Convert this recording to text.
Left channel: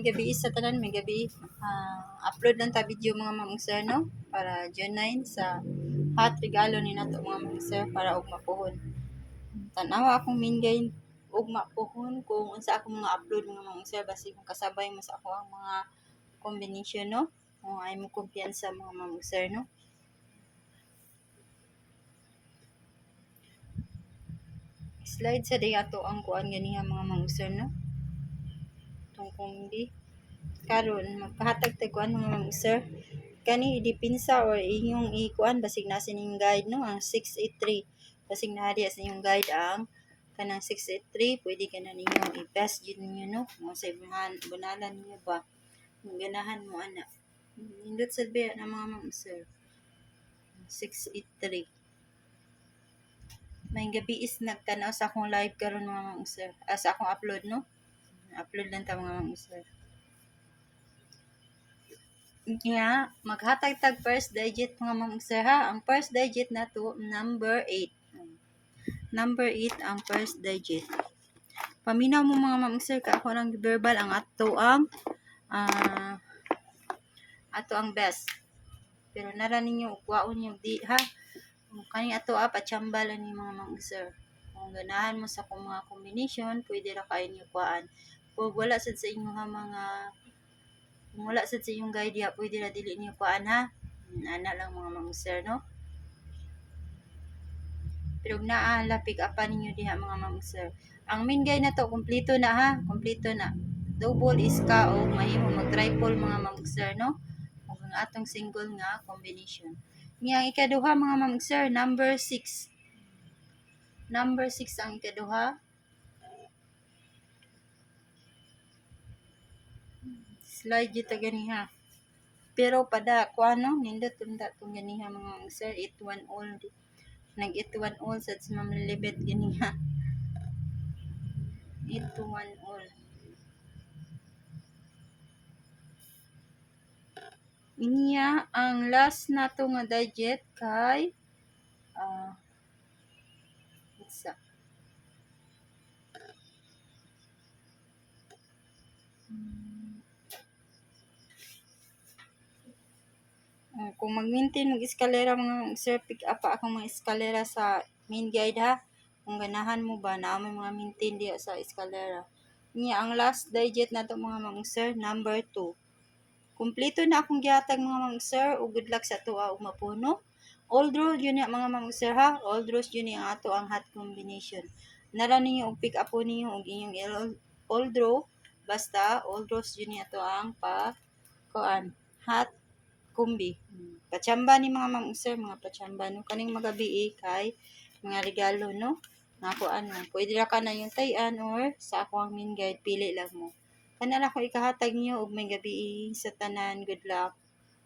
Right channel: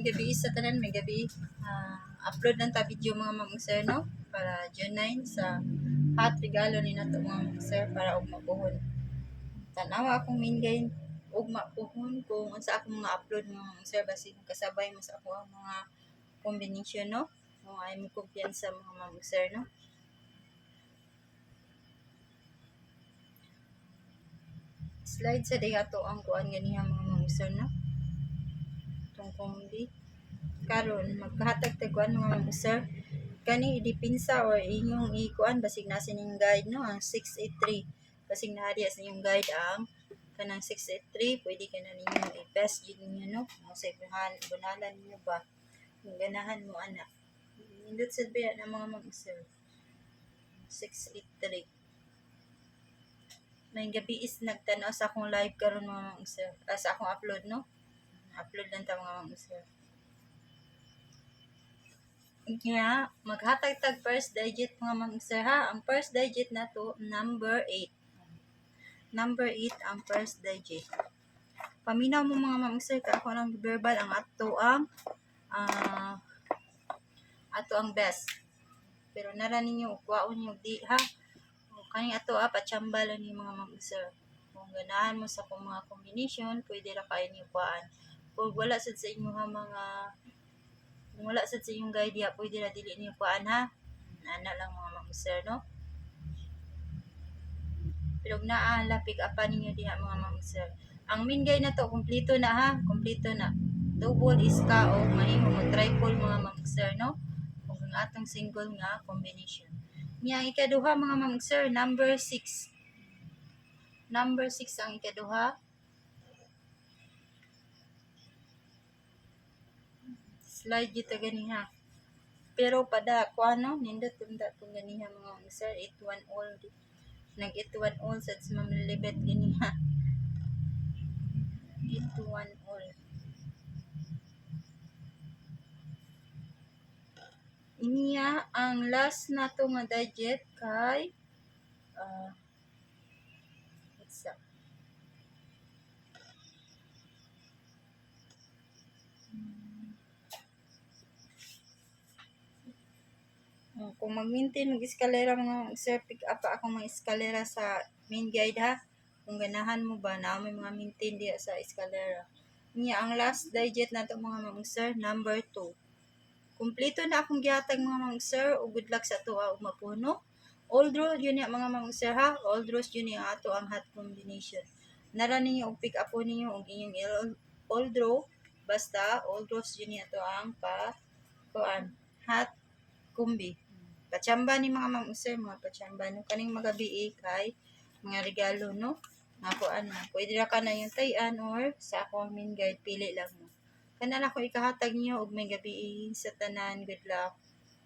may gabi sa tanan, may gabi. Upload lang ta video mga ma'am sir, no? Para June 9 sa hot regalo ni nato mga ma'am sir para og mapuhon. Tanawa akong mingay og mapuhon kung unsa akong mga upload mga ma'am sir basi kung kasabay mo sa ako ang mga combination, no? Kung ay mo kumpiyansa mga ma'am sir, no? Slide sa day ato ang kuan ganiha mga ma'am sir, no? Tong kombi karon magkahatag tag kuan mga ma'am sir kani idipinsa or inyong ikuan basig na sining guide, no? Ang 683 basig na diya sa inyong guide ang kanang 683 pwede ka na ninyong i-pass yun ninyo, no? Mo sa bunalan niyo ba ganahan mo ana nindot sa biya na mga ma'am sir 683. May gabi is nagtanaw sa akong live karon mga ma'am sir, sa akong upload, no? Upload lang ta mga ma'am sir. Nga, maghatag tag first digit mga ma'am sir ha. Ang first digit na to, number 8. Number 8 ang first digit. Paminaw mo mga ma'am sir, ka ako lang verbal ang ato ang best. Pero nara ninyo, ukwaon nyo di ha. Kani ato pachamba lang ni mga ma'am sir. Kung ganahan mo sa kung mga combination, pwede ra kayo niyo kuan. Kung wala sad sa inyo ha mga kung wala sad sa inyong guide ya, pwede na dili niyo kuan ha. Ana lang mga ma'am sir, no? Pero pick upan ninyo diha mga ma'am sir. Ang main guide na to, kompleto na ha. Kompleto na. Double is ka o mahimo mo triple mga ma'am sir, no? Kung ang atong single nga combination. Nga ikaduha mga ma'am sir, number 6. Number 6 ang ikaduha. Slide dito ganiha. Pero pada ko ano, nindot tunda tong ganiha mga sir, 8-1 all. Nag-8-1 all sa mamlilibet ganiha. 8-1 all. Inya ang last nato nga digit kay isa. Kung mag-maintain mag-eskalera mga sir, pick up pa akong mga eskalera sa main guide ha. Kung ganahan mo ba na may mga maintain diya sa eskalera. Niya ang last digit nato mga ma'am sir, number 2. Kumpleto na akong gihatag mga ma'am sir, ug good luck sa ato ug mapuno. All draw yun mga ma'am sir ha. All draws yun ang ato ang hot combination. Nara ninyo og pick up po ninyo og inyong all draw. Basta all draws yun ato ang kuan hot kumbi. Pachamba ni mga ma'am sir, mga pachamba no kaning magabi kay mga regalo, no? Nako pwede ra ka na yung tayan or sa ako ang main guide pili lang mo. Kana ra ko ikahatag niyo og may gabi sa tanan. Good luck.